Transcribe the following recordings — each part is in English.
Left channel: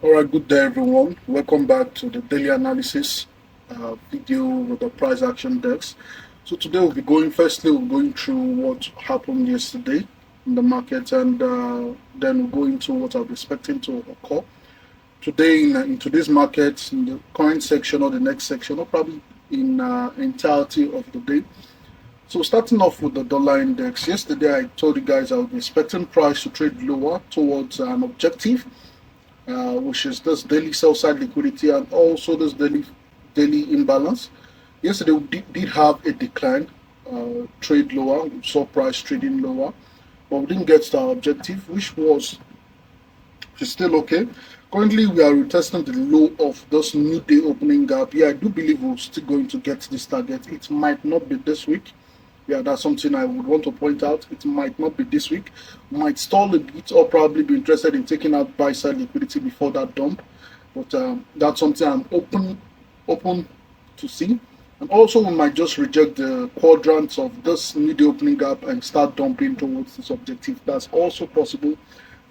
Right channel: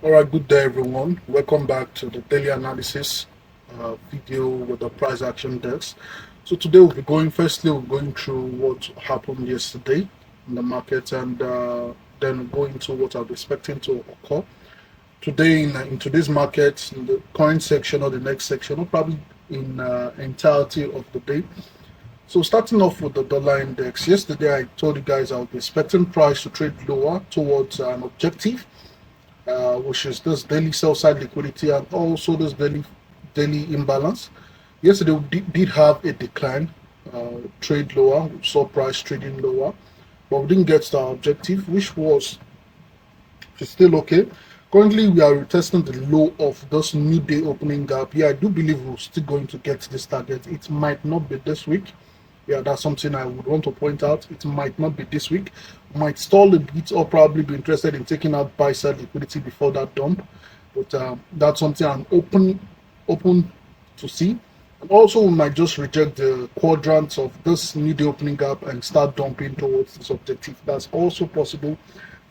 All right, good day, everyone. Welcome back to the daily analysis video with the price action desk. So today firstly, we'll be going through what happened yesterday in the market, and then we'll go into what I'll be expecting to occur today in today's market, in the current section or the next section, or probably in entirety of the day. So starting off with the dollar index, yesterday I told you guys I would be expecting price to trade lower towards an objective, which is this daily sell side liquidity and also this daily imbalance. Yesterday we did have a decline, trade lower, we saw price trading lower, but we didn't get to our objective, which is still okay. Currently, we are retesting the low of this new day opening gap. Yeah, I do believe we're still going to get this target. It might not be this week. Yeah, that's something I would want to point out. It might not be this week. Might stall a bit or probably be interested in taking out buy side liquidity before that dump. But that's something I'm open to see. And also, we might just reject the quadrants of this new day opening gap and start dumping towards this objective. That's also possible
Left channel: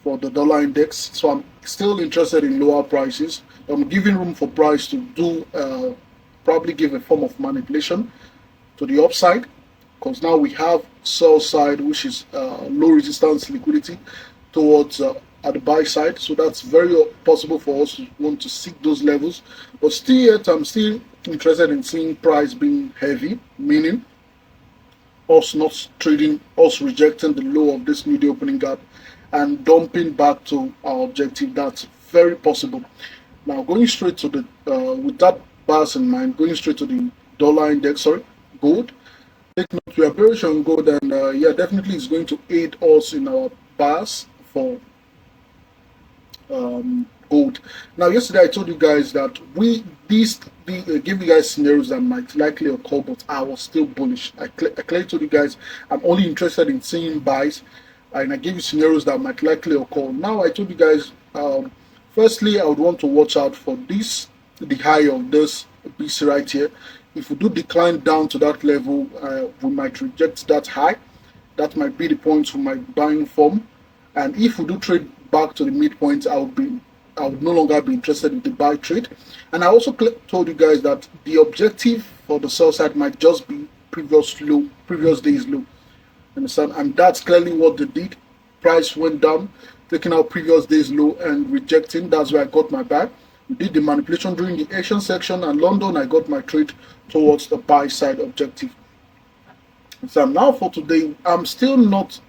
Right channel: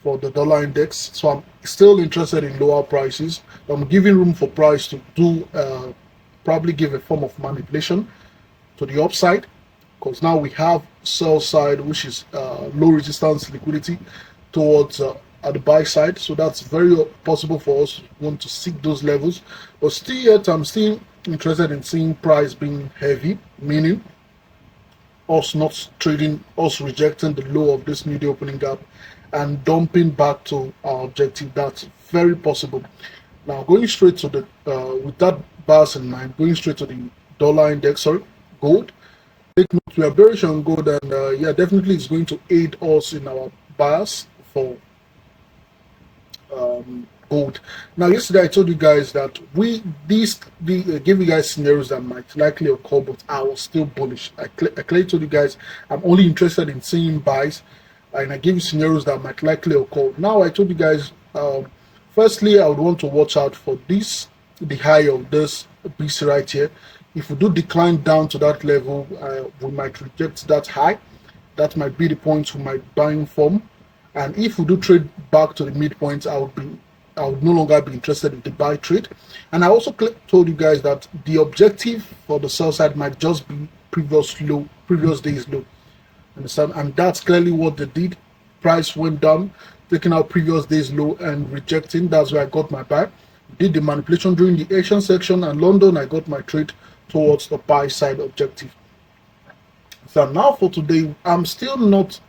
for the dollar index. So I'm still interested in lower prices. I'm giving room for price to do probably give a form of manipulation to the upside, because now we have sell side, which is low resistance liquidity towards at the buy side. So that's very possible for us to want to seek those levels. But still yet, I'm still interested in seeing price being heavy, meaning us not trading, us rejecting the low of this new day opening gap and dumping back to our objective. That's very possible. Now, going straight to the, with that bias in mind, going straight to the dollar index, sorry, gold. Take note, we are bearish on gold, and yeah, definitely it's going to aid us in our bias for gold. Now, yesterday I told you guys that gave you guys scenarios that might likely occur, but I was still bullish. I clearly told you guys I'm only interested in seeing buys, and I gave you scenarios that might likely occur. Now, I told you guys, firstly, I would want to watch out for the high of this BC right here. If we do decline down to that level, we might reject that high. That might be the points we might buying from. And if we do trade back to the midpoint, I would no longer be interested in the buy trade. And I also told you guys that the objective for the sell side might just be previous day's low. Understand? And that's clearly what they did. Price went down, taking out previous day's low and rejecting. That's where I got my buy. We did the manipulation during the Asian section, and London, I got my trade towards the buy side objective. So now for today, I'm still not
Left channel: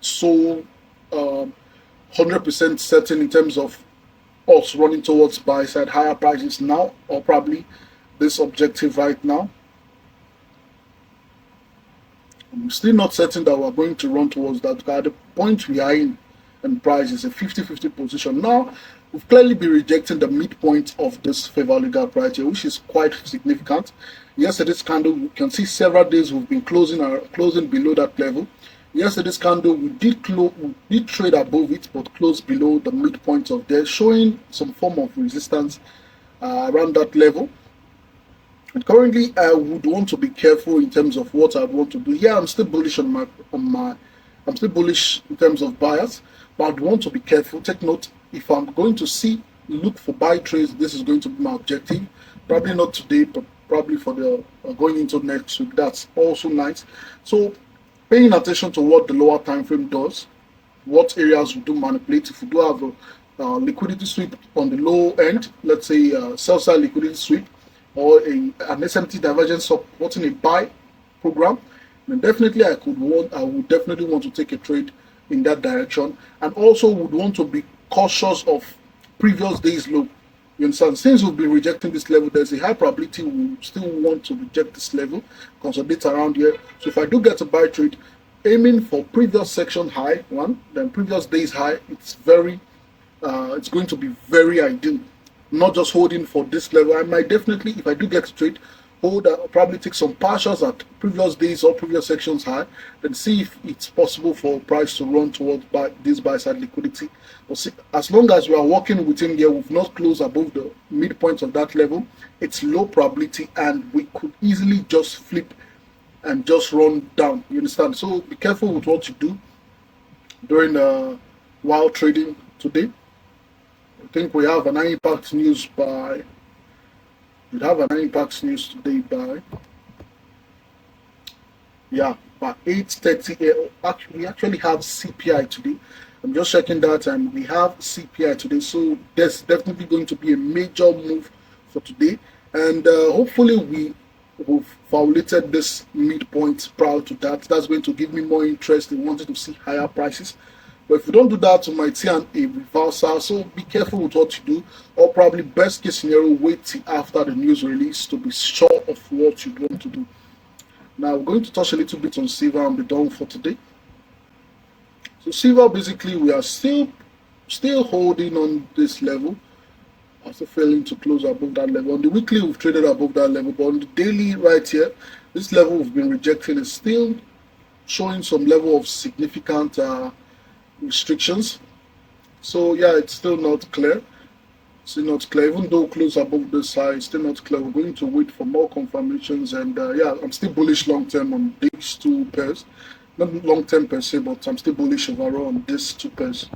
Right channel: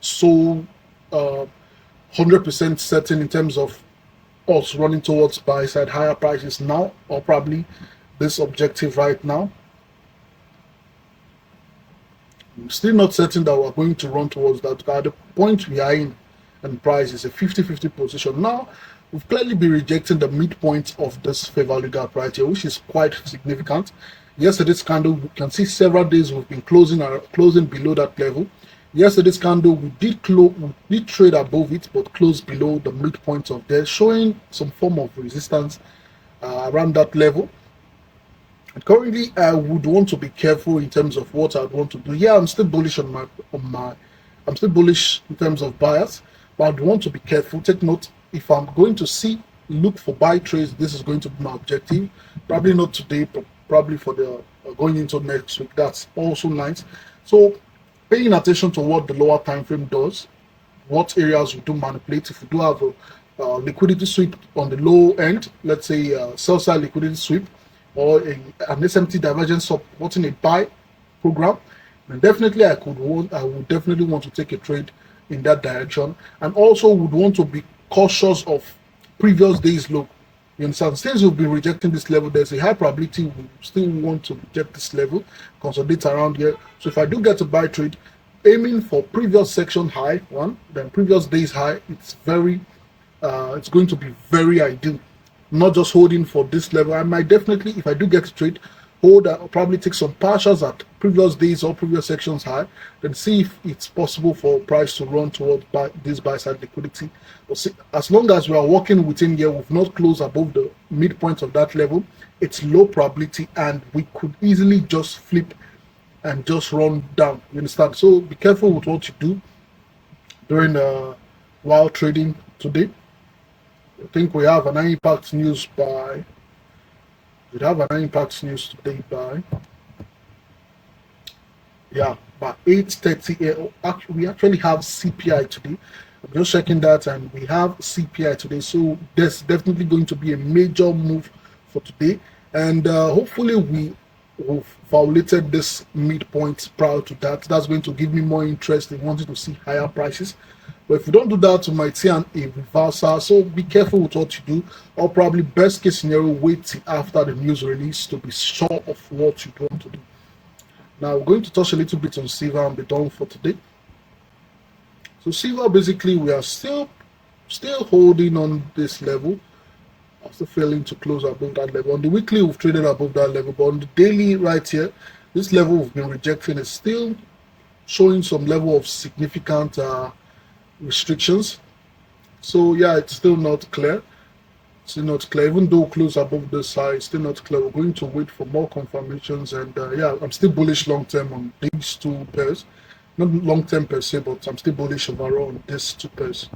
so 100% certain in terms of us running towards buy side higher prices now, or probably this objective right now. I'm still not certain that we're going to run towards that. At the point we are in, and price is a 50-50 position. Now, we've clearly been rejecting the midpoint of this fair value gap right here, which is quite significant. Yesterday's candle, we can see several days we've been closing below that level. Yesterday's candle, we did trade above it, but closed below the midpoint of there, showing some form of resistance around that level. And currently, I would want to be careful in terms of what I'd want to do. Yeah, I'm still bullish I'm still bullish in terms of buyers, but I'd want to be careful. Take note, if I'm going to look for buy trades, this is going to be my objective. Probably not today, but probably for the going into next week. That's also nice. So paying attention to what the lower time frame does, what areas we do manipulate. If we do have a liquidity sweep on the low end, let's say sell side liquidity sweep, or an SMT divergence supporting a buy program, then definitely I would definitely want to take a trade in that direction, and also would want to be cautious of previous days low. You understand? Since we've been rejecting this level, there's a high probability we still want to reject this level, consolidate around here. So if I do get a buy trade, aiming for previous section high one, then previous days high, it's going to be very ideal. Not just holding for this level. I might definitely, if I do get a trade, hold, probably take some partials at previous days or previous sections high, then see if it's possible for price to run towards this buy side liquidity. But see, as long as we are working within here, we've not closed above the midpoint of that level, it's low probability, and we could easily just flip and just run down. You understand? So be careful with what you do during while trading today. I think we have an impact news by. We have an impact news today by. Yeah, by 8:30. We actually have CPI today. I'm just checking that, and we have CPI today. So there's definitely going to be a major move for today, and hopefully we've violated this midpoint prior to that. That's going to give me more interest in wanting to see higher prices. But if you don't do that, you might see a reversal. So be careful with what you do, or probably best case scenario, wait till after the news release to be sure of what you want to do. Now we're going to touch a little bit on silver and be done for today. So silver, basically, we are still holding on this level. I'm still failing to close above that level. On the weekly, we've traded above that level, but on the daily right here, this level we've been rejecting is still showing some level of significant restrictions. So yeah, it's still not clear. Still not clear. Even though close above this high, it's still not clear. We're going to wait for more confirmations, and yeah, I'm still bullish long term on these two pairs. Not long term per se, but I'm still bullish overall on these two pairs.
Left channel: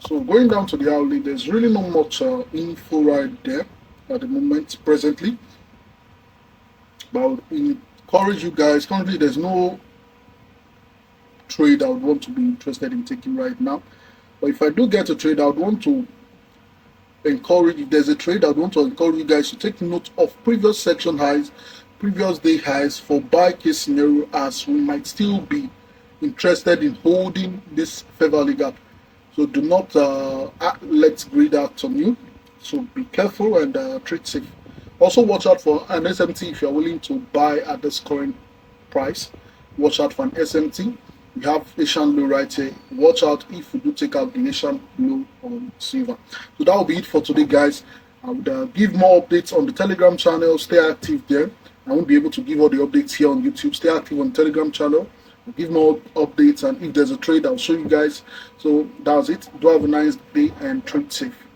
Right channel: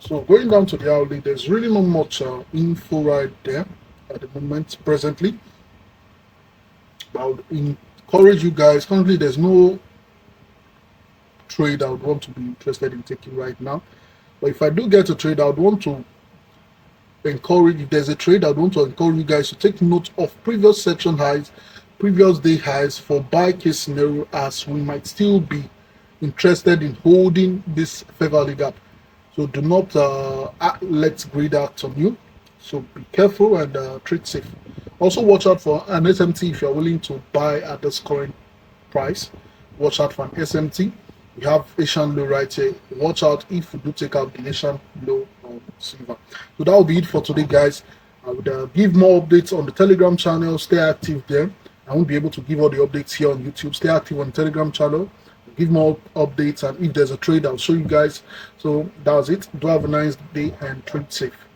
So going down to the hourly, there's really not much info right there at the moment, presently. But I would encourage you guys. Currently, there's no trade I would want to be interested in taking right now. But if I do get a trade, I would want to encourage, if there's a trade, I'd want to encourage you guys to take note of previous section highs, previous day highs for buy case scenario, as we might still be interested in holding this fair value gap. So do not let greed act on you. So be careful and trade safe. Also watch out for an SMT if you're willing to buy at this current price. Watch out for an SMT. We have Asian low right here. Watch out if we do take out the Asian low on silver. So that will be it for today, guys. I would give more updates on the Telegram channel. Stay active there. I won't be able to give all the updates here on YouTube. Stay active on the Telegram channel. I'll give more updates, and if there's a trade, I'll show you guys. So that's it. Do have a nice day and trade safe.